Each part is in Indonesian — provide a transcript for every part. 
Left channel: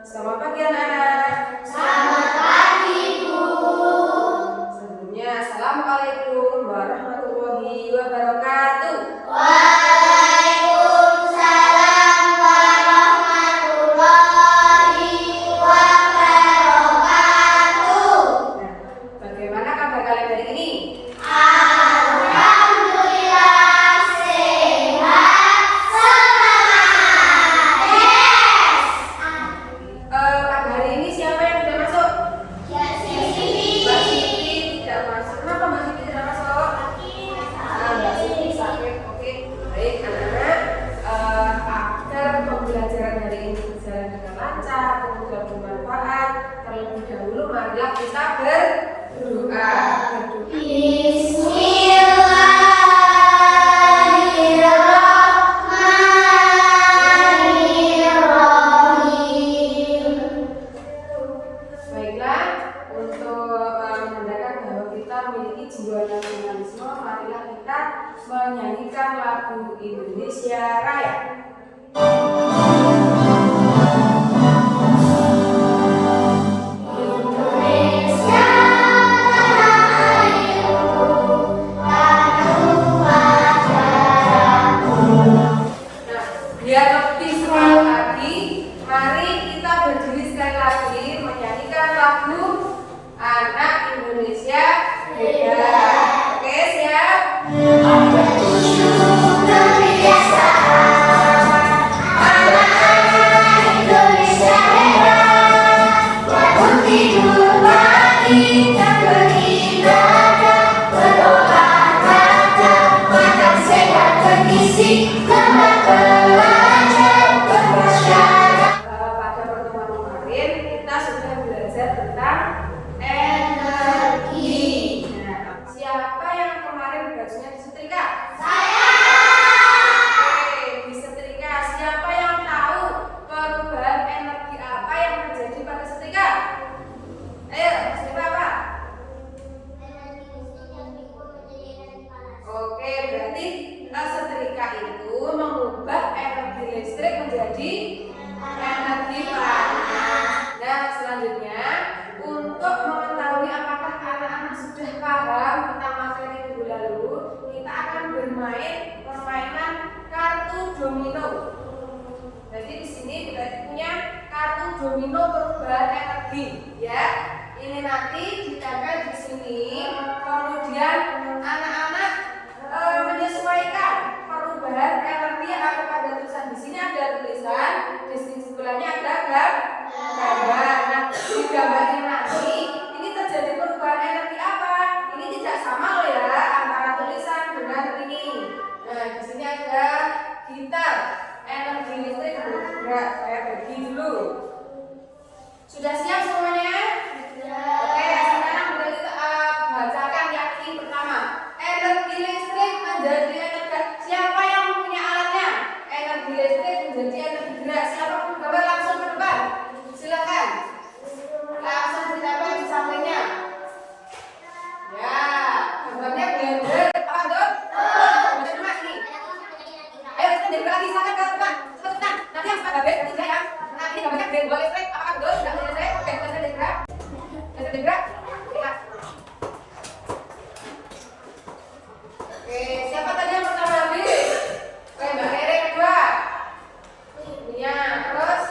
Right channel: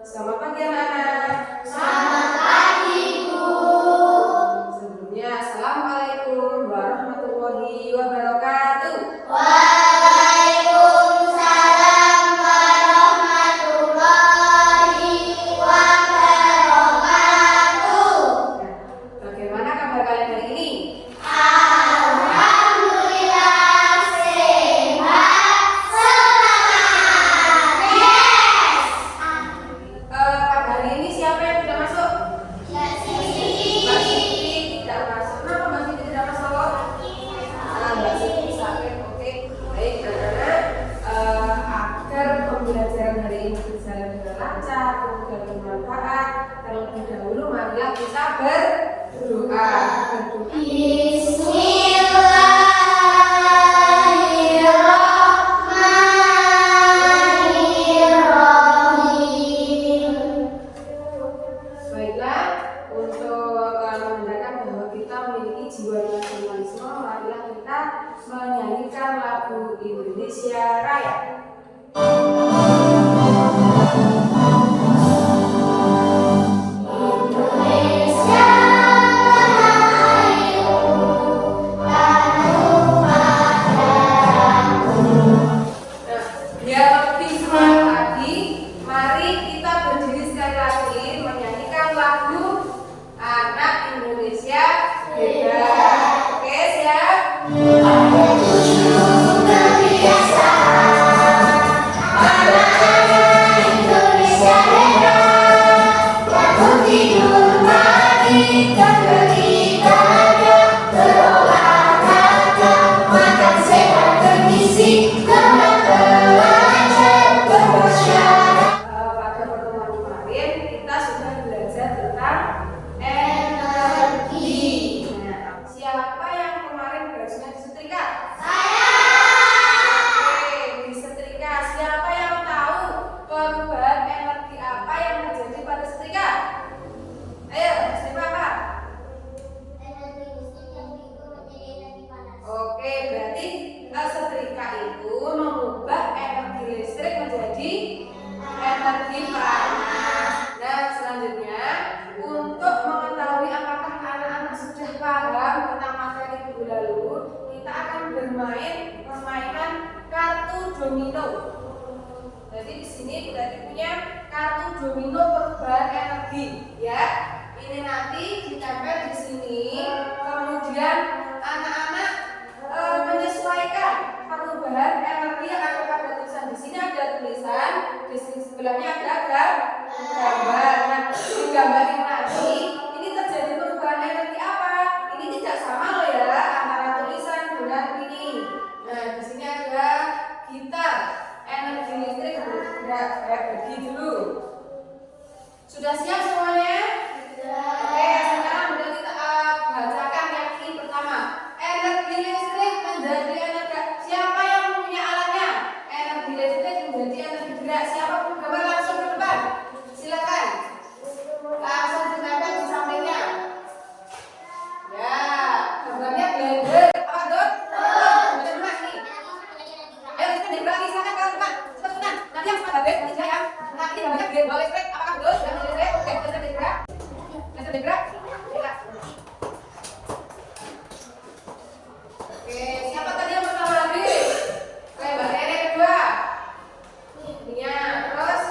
Selamat pagi anak-anak. Selamat pagi, Bu. Sebelumnya, Assalamualaikum warahmatullahi wabarakatuh. Waalaikumsalam warahmatullahi wabarakatuh. Nah, bagaimana kabar kalian hari ini? Alhamdulillah sehat, semangat. Yes. Pada hari ini siapa yang sudah masuk? Mbak Siti tidak masuk. Kenapa Mbak Siti tidak masuk? Mbak Siti sakit. Oke, baik anak-anak. Agar pembelajaran hari ini berjalan dengan lancar, kemudian bermanfaat, terlebih dahulu marilah kita berdoa. Baiklah, untuk menandakan bahwa kita memiliki jiwa nasionalisme, marilah kita menyanyikan lagu Indonesia Raya. Indonesia Nah, biar lebih semangat lagi, mari kita berdiri sekali lagi menyanyikan lagu Anak Indonesia Hebat. Oke, siap? Pada pertemuan kemarin kita sudah belajar tentang energi. Nah, siapa yang kemarin bajunya disetrika? Oke, disetrika. Siapa yang tahu perubahan energi apa yang terjadi pada setrika? Ayo, siapa apa? Oke, berarti setrika itu mengubah energi listrik menjadi energi panas. Nah, selanjutnya untuk mengetahui apakah anak-anak sudah paham tentang materi minggu lalu, kita akan bermain permainan kartu domino. Jadi di sini berarti punya kartu domino perubahan energi, ya. Ini nanti ditempel di sini, kemudian anak-anak menyesuaikan perubahan energi yang ada pada tulisan. Di sini ada tulisan, di sini sebelahnya ada gambar. Nah, di gambar ini nanti ini terjadi perubahan energi apa? Ini tidak sama loh ya antara tulisan dengan ini. Nah, di sini ada gitar, energi listrik bergerak. Saya bagi dulu. Sudah siap semuanya? Oke, sekarang sudah kita bacakan yang ini pertama. Energi listrik menjadi energi. Siapa yang punya alatnya? Energi listrik menjadi energi gerak. Siapa pun gambar langsung ke depan. Silakan. Langsung ditempel di sampingnya. Ya, gambarnya blender. Apa tuh? Macam mana nih? Ayo kita jadi lagi. Silakan ke depan. Silakan. Nanti yang suka gambar nanti saya. Nanti gambarnya blender listrik. Apakah betul? Sudah selesai? Oke, selesai gerak. Selesai gerak. Oke, siapa tadi yang pertama habis? Mbak Rere kedua. Nia, terus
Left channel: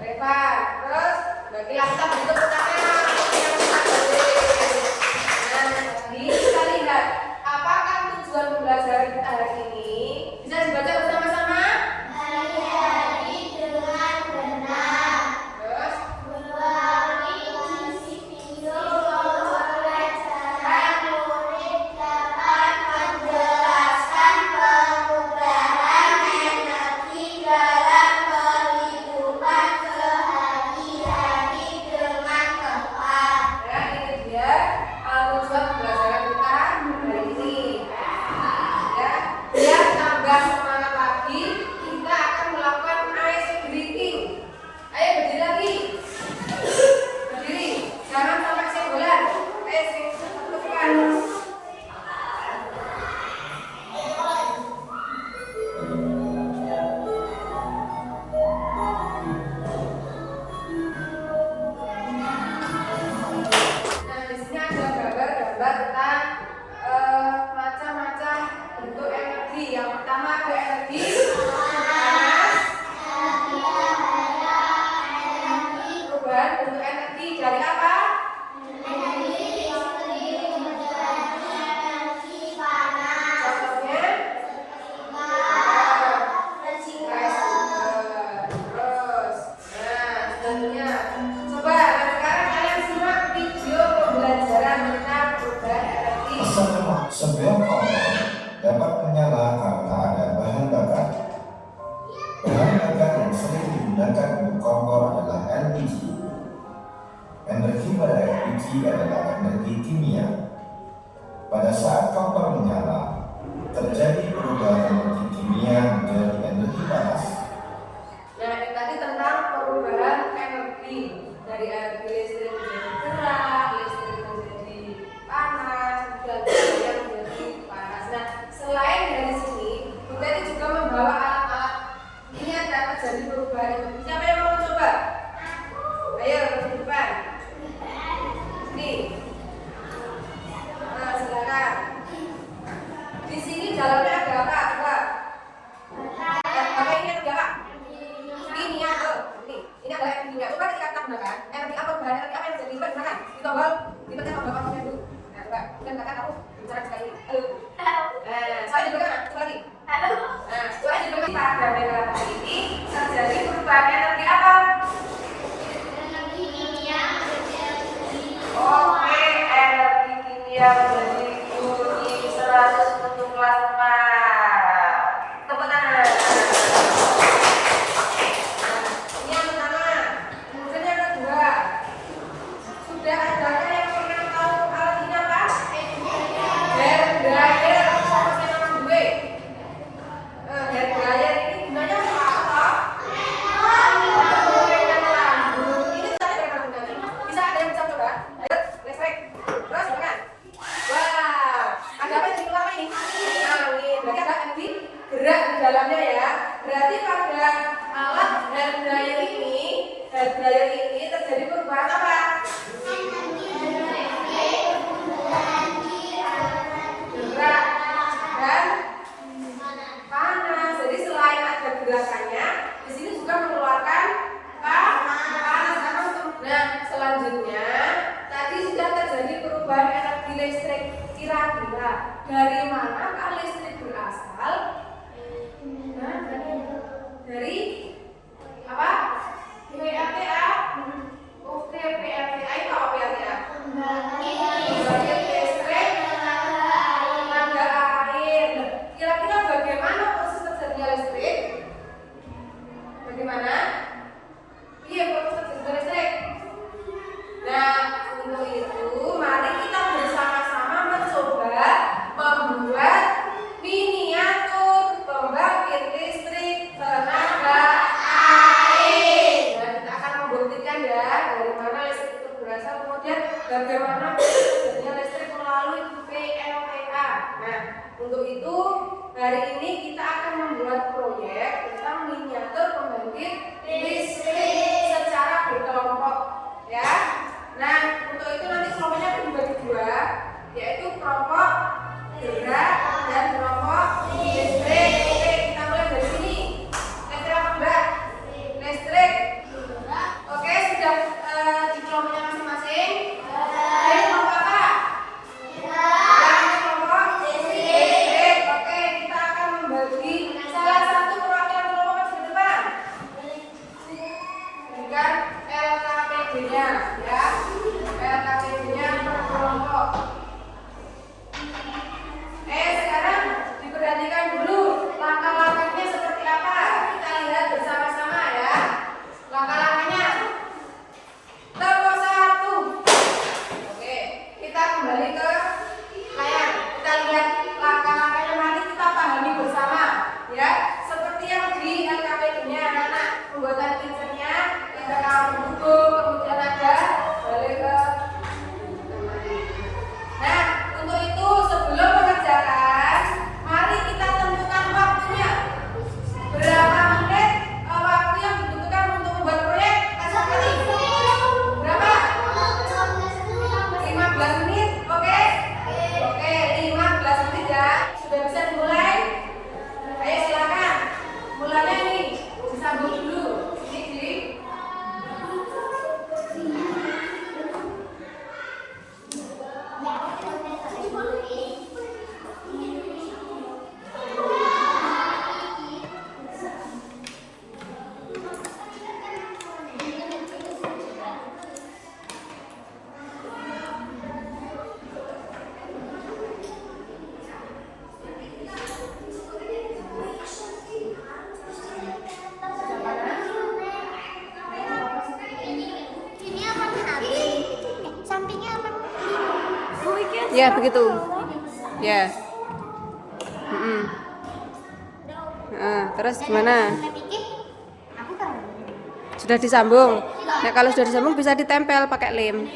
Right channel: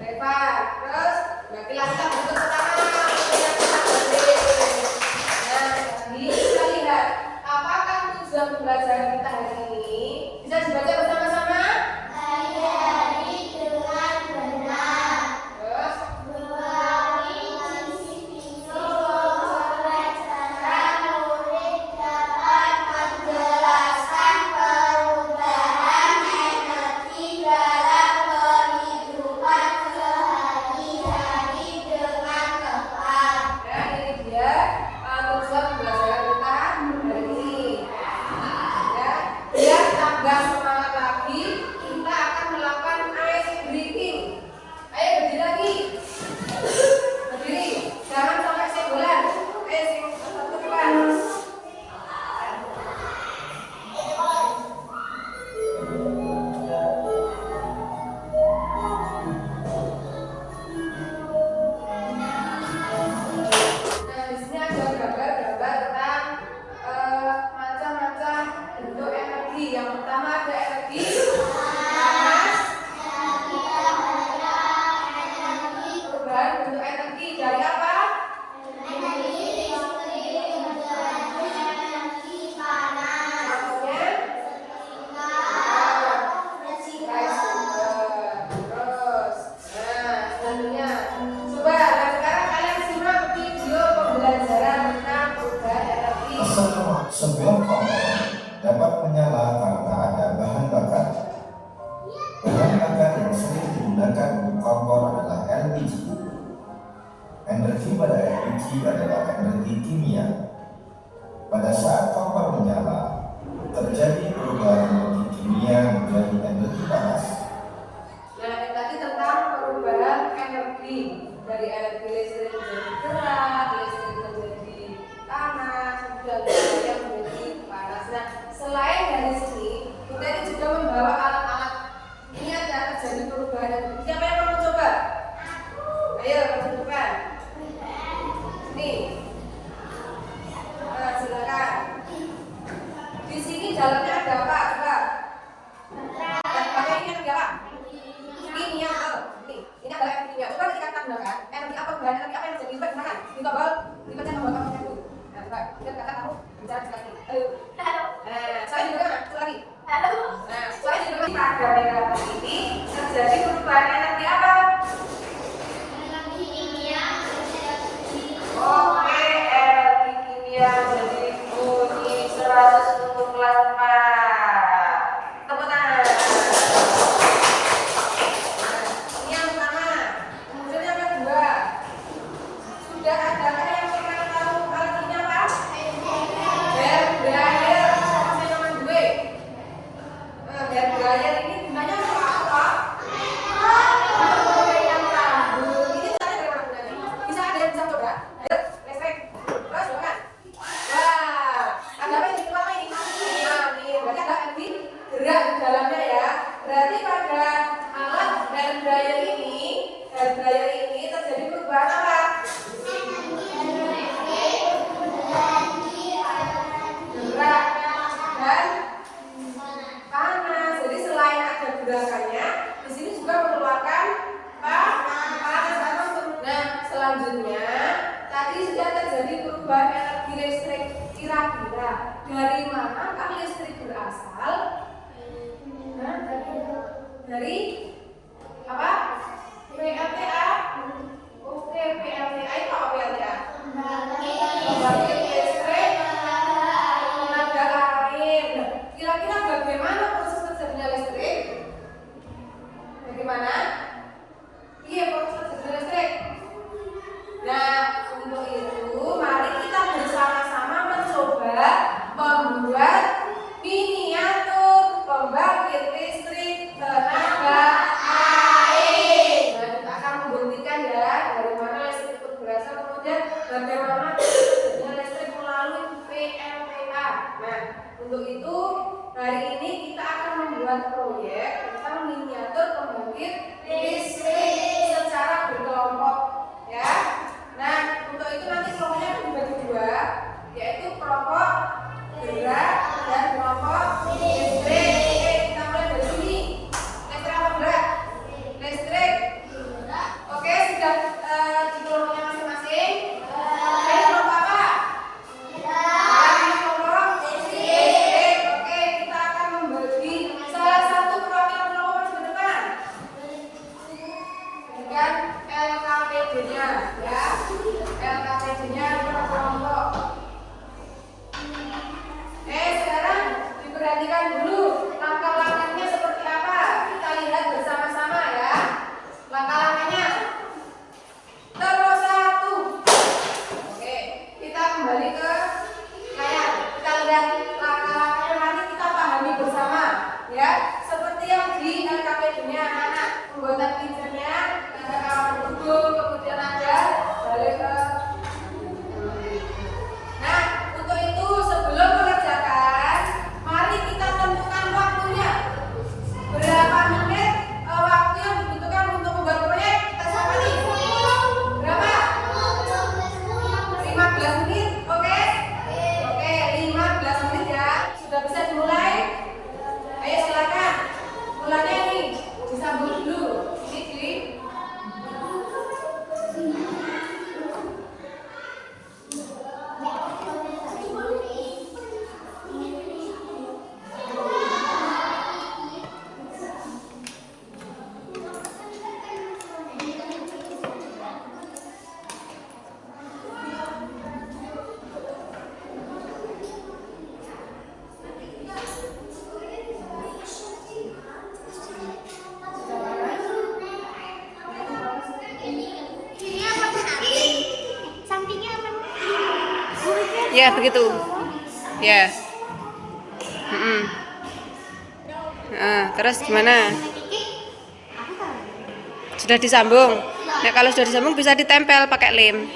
Reva, terus Mbak Kila. Kita beri tepuk tangan. Nah, jadi kita lihat apakah tujuan pembelajaran kita hari ini? Bisa dibaca bersama-sama? Terus menggunakan kompor adalah LPG. Energi pada LPG adalah energi kimia. Pada saat kompor menyala, terjadi perubahan energi kimia menjadi energi panas. Nah, ini tadi tentang perubahan energi dari energi listrik menjadi gerak, listrik menjadi panas, kemudian yang menjadi panas. Nah, selain dari sini, kita ini juga membawa alat-alat. Ini ada terjadi perubahan energi. Siapa yang mau coba? Ayo, ke depan. Nih, silakan. Di sini dalamnya ada apa? Coba. Pakai ini energi apa? Kimia. Nih, ini adalah energi kimia. Coba kita gunakan energi apa? Bahan energi apa yang jadi lipat? Silakan. Di tombol, libatkan tombol pastinya dulu. Nah, coba. Mungkin kakak kamu bicara sekali. Halo. Saya juga kan. Coba lagi. Nah, soalnya juga pada megawatt ini terjadi perubahan energi apa? Energi kimia Oke, energi kimia menjadi bunyi 110 kelas 4. Tepuk tangan. Nah, ini yang pertama. Kemudian yang kedua. Sudah adakah yang pernah tahu alat ini apa? Hair dryer. Sama yang kedua. Hair dryer ini gunanya untuk apa? Untuk mengering rambut. Ini cara bagaimana gunanya? Bisa ada yang bisa coba? Ayo, listrik. Terus silakan. Wah, ada apa yang dikeluarkan ini? Nah, ini berarti ada energi gerak di dalamnya ya. Berarti pada alat hair dryer ini terjadi perubahan apa? Gerak dan panas. Jadi selain ada gerakannya, di sini juga mengeluarkan panas karena untuk. Nah, selanjutnya tadi sudah terjadi perubahan energi listrik. Kira-kira dari manakah listrik berasal? Nah, dari apa? PLTA. Oke, PLTA itu apa PLTA? Pembangkit listrik tenaga air. Kira-kira bagaimana proses terjadinya listrik? Bagaimana? Iya, proses terjadinya listrik. Nah, untuk itu mari kita bersama-sama mencoba membuat miniatur pembangkit listrik tenaga air. Nah, kita akan membuktikan ya dari mana listrik itu berasal, kemudian bagaimana terjadinya listrik melalui PLTA. Nah, untuk itu hari ini kita akan membuat proyek tentang miniatur pembangkit listrik secara berkelompok, ya. Nah, untuk itu nanti kelompoknya akan dibagi dua, yaitu kelompok gerak dan kelompok listrik. Oke, kita mulai dari sini. Listrik apa enggak? Listrik. Oke, sudah di kelompoknya masing-masing. Oke, kelompok apa? Kelompok listrik. Oke, kita akan membagi salah satu perwakilan kelompok di depan dengan LKPD-nya, ya. LKPD-nya per kelompok. Sekarang diperhatikan dulu langkah-langkahnya seperti apa. Kita lihat bersama-sama ya. Langkah-langkahnya. Tempo 1. Oke, kita kembali ke layar. Kita lihat langkah-langkahnya, nanti kita pahami bersama ya. Seperti yang di LKPD-nya anak-anak, pembuatan pincernya, kita akan mendukung, kemudian ada balik ke Ya, begitu. Ya. Nah, terus gimana? Sudah disambung. Nah, kalau sudah disambung bisa ditempel pakai lem.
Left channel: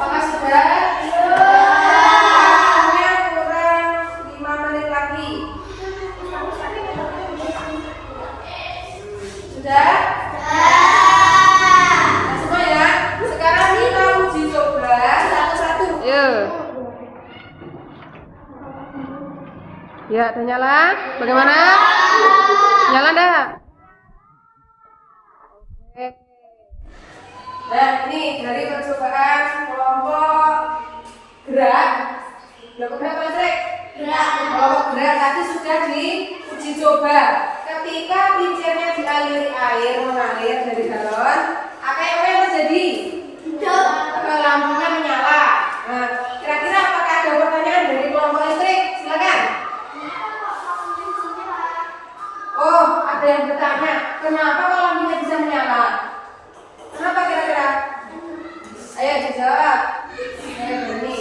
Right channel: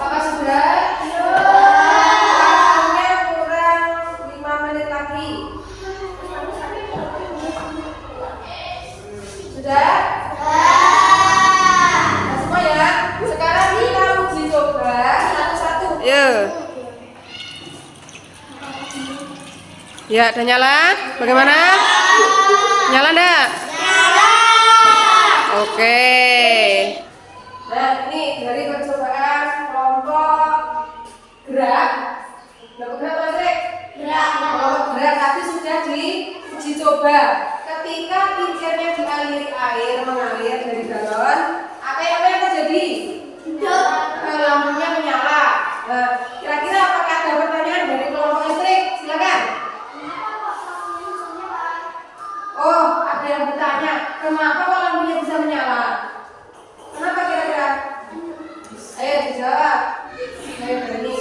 Apakah sudah? Waktunya kurang 5 menit lagi. Sudah? Nah, semua ya. Sekarang kita uji coba satu-satu. Ya, udah nyala? Bagaimana? Nyala enggak? Oke. Nah, ini dari percobaan kelompok gerak. Kelompok gerak apa sih? Kelompok gerak tadi sudah diuji coba. Ketika kincirnya dialiri air mengalir dari galon, apa yang terjadi? Lampunya menyala. Nah, kira-kira apakah ada pertanyaan dari kelompok listrik? Silakan. Oh, ada yang bertanya, kenapa kok lampunya bisa menyala? Kenapa kira-kira? Ayo dijawab. Ayo berani.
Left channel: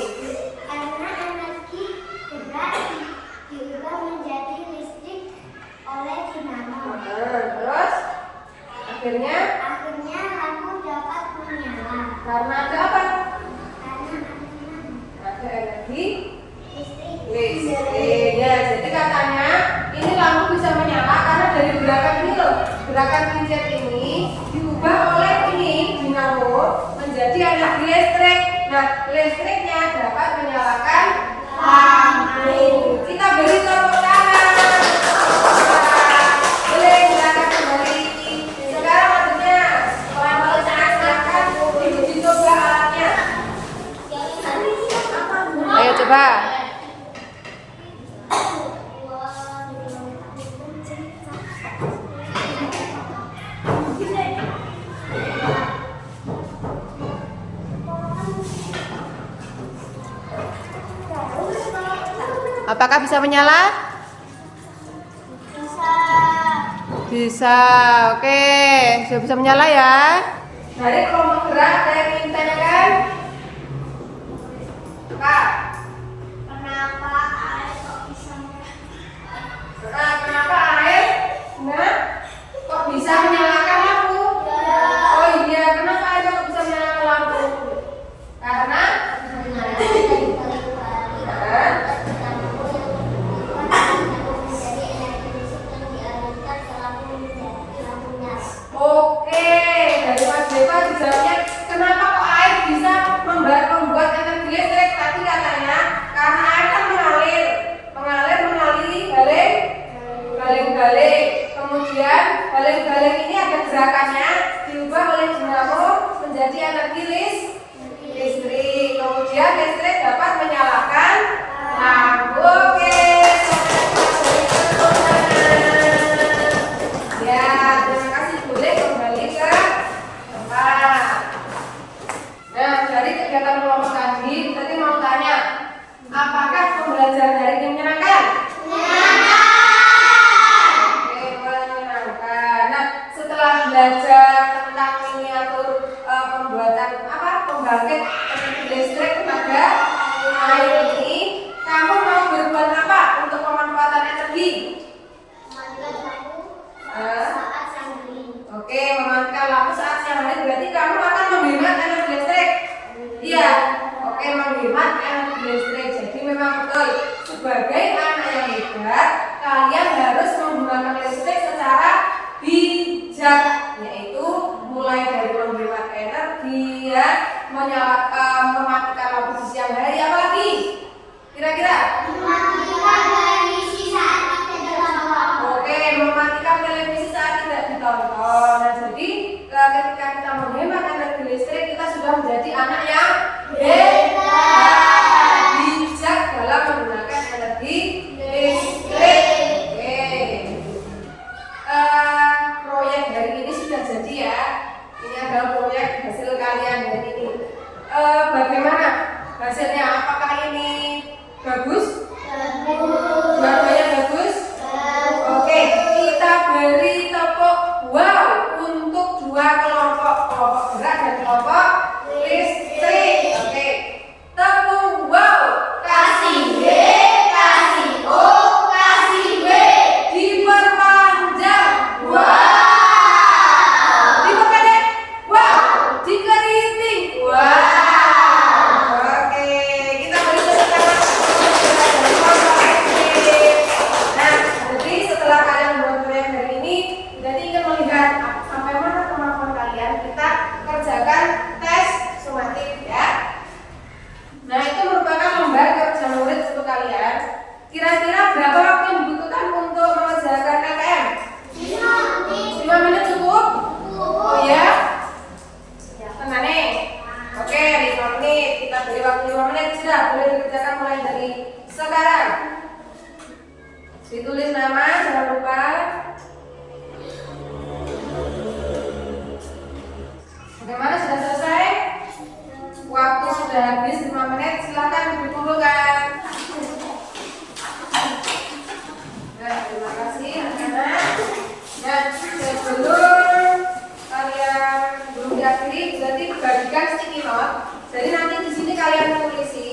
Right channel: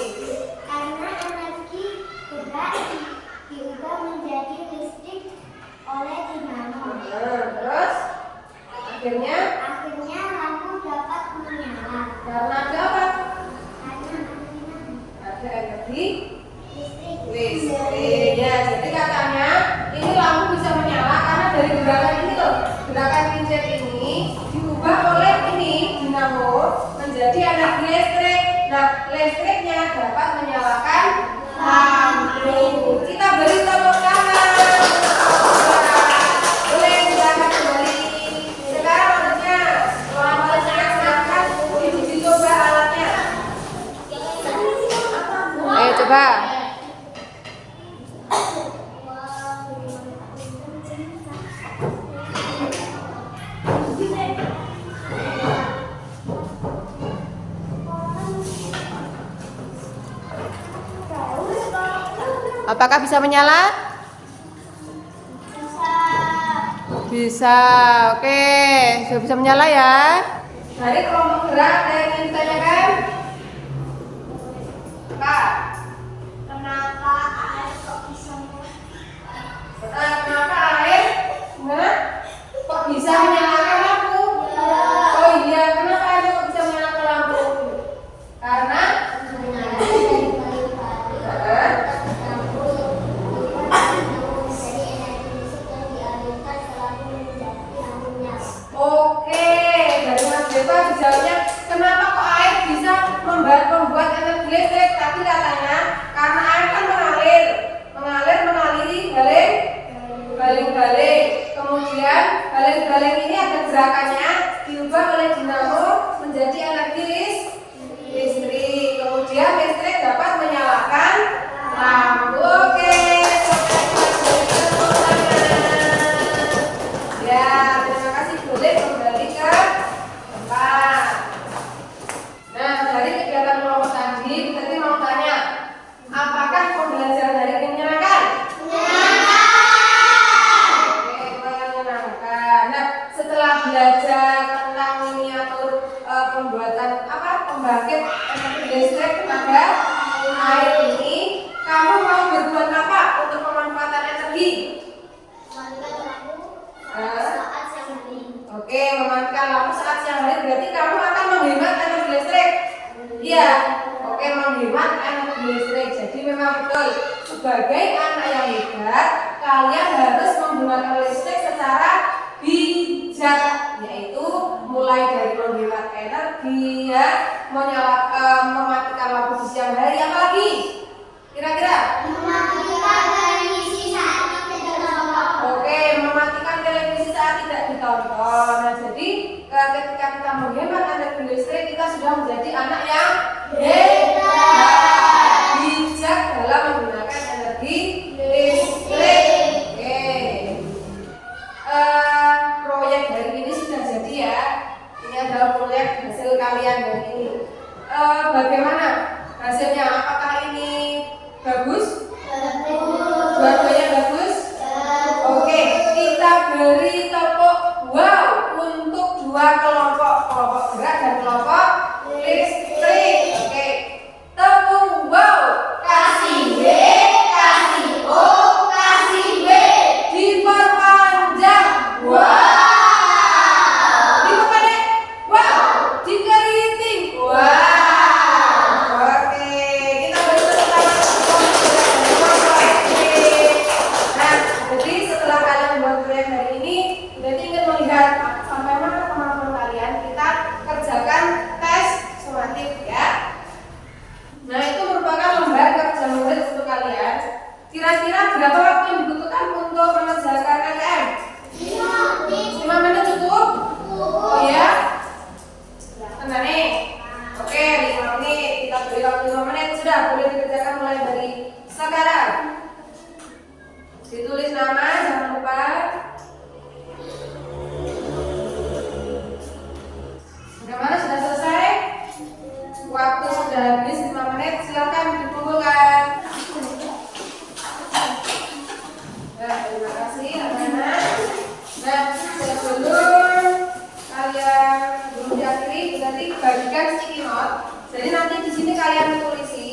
Karena energi gerak diubah menjadi listrik oleh dinamo. Terus akhirnya Lampu dapat menyala. karena ada apa? Karena Ada energi listrik. listrik. Ya, jadi katanya ini lampu bisa menyala karena dari gerakan ini loh, gerakan kincir ini diubah oleh ini dinamo menjadi energi listrik. Nah, listriknya dapat menyalakan lampu. Kita beri tepuk tangan. Boleh silakan kembali. Sekarang maksudnya selamat menyaksikan uji coba alatnya. Ayo coba. Apakah bisa menyala? Bisa. Oke, sudah bisa menyala ya. Dari kelompok gerak ada yang ingin ditanyakan? Pak, Kenapa air kok bisa kenapa air kok bisa menyalakan lampu? Oh iya, kenapa air kok bisa menyalakan lampu? Karena oke, dari Mas Deva dijawabnya kenapa kok air bisa membuat energi listrik? Tadi katanya karena air kan mengaliri baling-baling. Kemudian baling-baling ini ada gerakannya diubah oleh dinamo menjadi energi listrik. Kemudian listrik dapat menyalakan lampu. Oke. Ya, terima kasih. Boleh kembali ke tempat. Nah, dari kegiatan kelompok tadi mau tanya, apakah pembelajaran hari ini menyenangkan? Oke, menyenangkan. Nah, setelah belajar tentang miniatur pembuatan pembangkit energi listrik tenaga air ini, kamu mau berbuat apa untuk pemanfaatan energi? Oke, memanfaatkan lampu saat siang hari berarti kamu akan menghemat energi listrik. sebagai anak yang hebat, kalian harus menggunakan listrik secara bijak, yaitu mulai dari menghemat energi, ya, mematikan lampu di siang hari, apalagi kira-kira? Mematikan televisi saat tidak ditonton. Oke, mematikan televisi saat tidak ditonton. Nah, jadi ketika kita menghemat energi listrik, kita sudah menjadi anak yang hebat, bijak dalam menggunakan energi listrik. Oke. Proyek hari ini sudah jadi, ya. Ini adalah proyek hasil kalian hari ini. Bagaimana hasilnya? Apakah ini bagus? Dua-duanya bagus? Oke, kita beri tepuk wow untuk dua kelompok gerak dan kelompok listrik. Oke, tepuk wow. Kasih B, kasih O, kasih B. Diperpanjang. Wow. Diperpendek. Wow. Dikeriting. Wow. Oke, kita beri tepuk tangan untuk kelompok listrik. Nah, jadi setelah kalian membuat proyek hari ini, berarti ingin melihat sampai mana kemampuan kalian, kita kerjakan tes sumatif, ya. Nah, itu merupakan lembar kerja murid untuk kalian. Kira-kira berapa waktu yang dibutuhkan untuk mengerjakan LKM? 5 menit cukup? Oh ya? Tenang nih. Oke, 5 menit. Kita beri waktu 5 menit. Sudah, boleh dikerjakan mulai dari sekarang. Ditulis nama, jangan lupa. Bagaimana, sudah selesai? Waktu sudah habis 5 menit, silakan dikumpulkan. Nah, terima kasih anak-anak. Nah, sebelum kalian belum diakhiri, berarti bagikan sticky note. Jadi nanti di sini kalian tulisi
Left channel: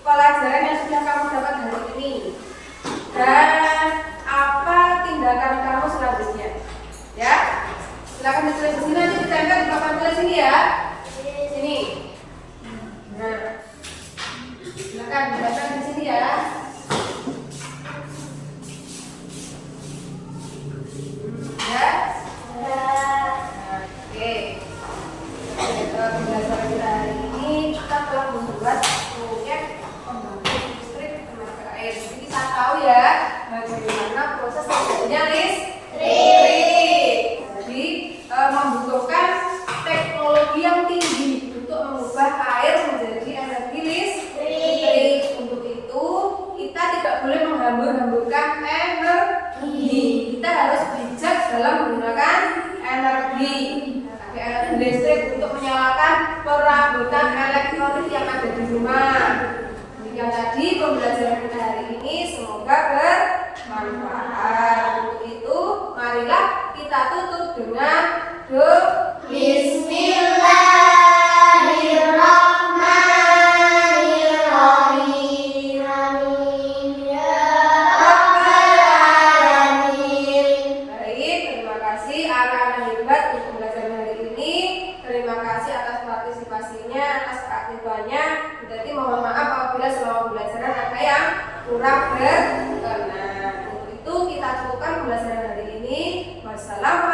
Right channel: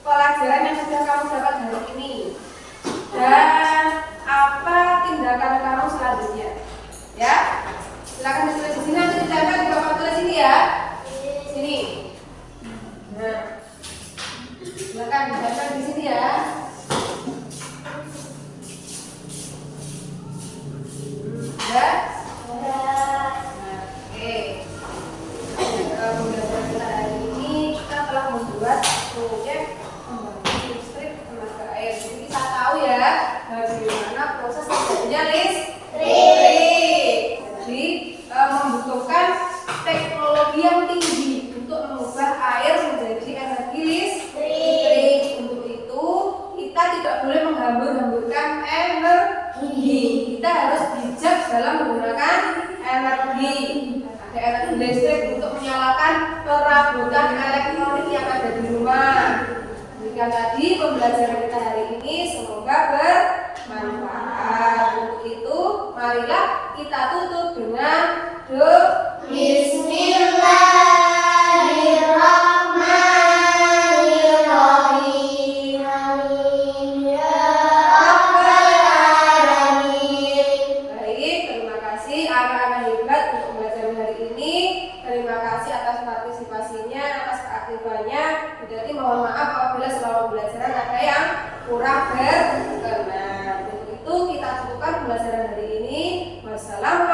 pelajaran yang sudah kamu dapat hari ini dan apa tindakan kamu selanjutnya. Ya, silakan ditulis di sini, nanti ditempel di papan tulis ini, ya. Sini. Nah, silakan ditempel di sini, ya. Ya. Oke. Pembelajaran kita hari ini kita telah membuat proyek pembangkit listrik tenaga air. Jadi kita tahu, ya, bagaimana proses terjadinya listrik. Jadi membutuhkan teknologi yang tinggi untuk mengubah air menjadi energi listrik. Untuk itu kita tidak boleh menghambur-hamburkan energi. Kita harus bijak dalam menggunakan energi. Ada energi listrik untuk menyalakan perabotan elektronik yang ada di rumah. Demikian tadi pembelajaran kita hari ini, semoga bermanfaat. Untuk itu, marilah kita tutup dengan doa. Bismillahirrahmanirrahim. Amin ya rabbal alamin. Baik, terima kasih anak-anak hebat untuk pembelajaran hari ini. Terima kasih atas partisipasinya, atas keaktifannya. Jadi mohon maaf apabila selama pembelajaran ada yang kurang berkenan. Untuk itu kita cukupkan pembelajaran hari ini. Wassalamualaikum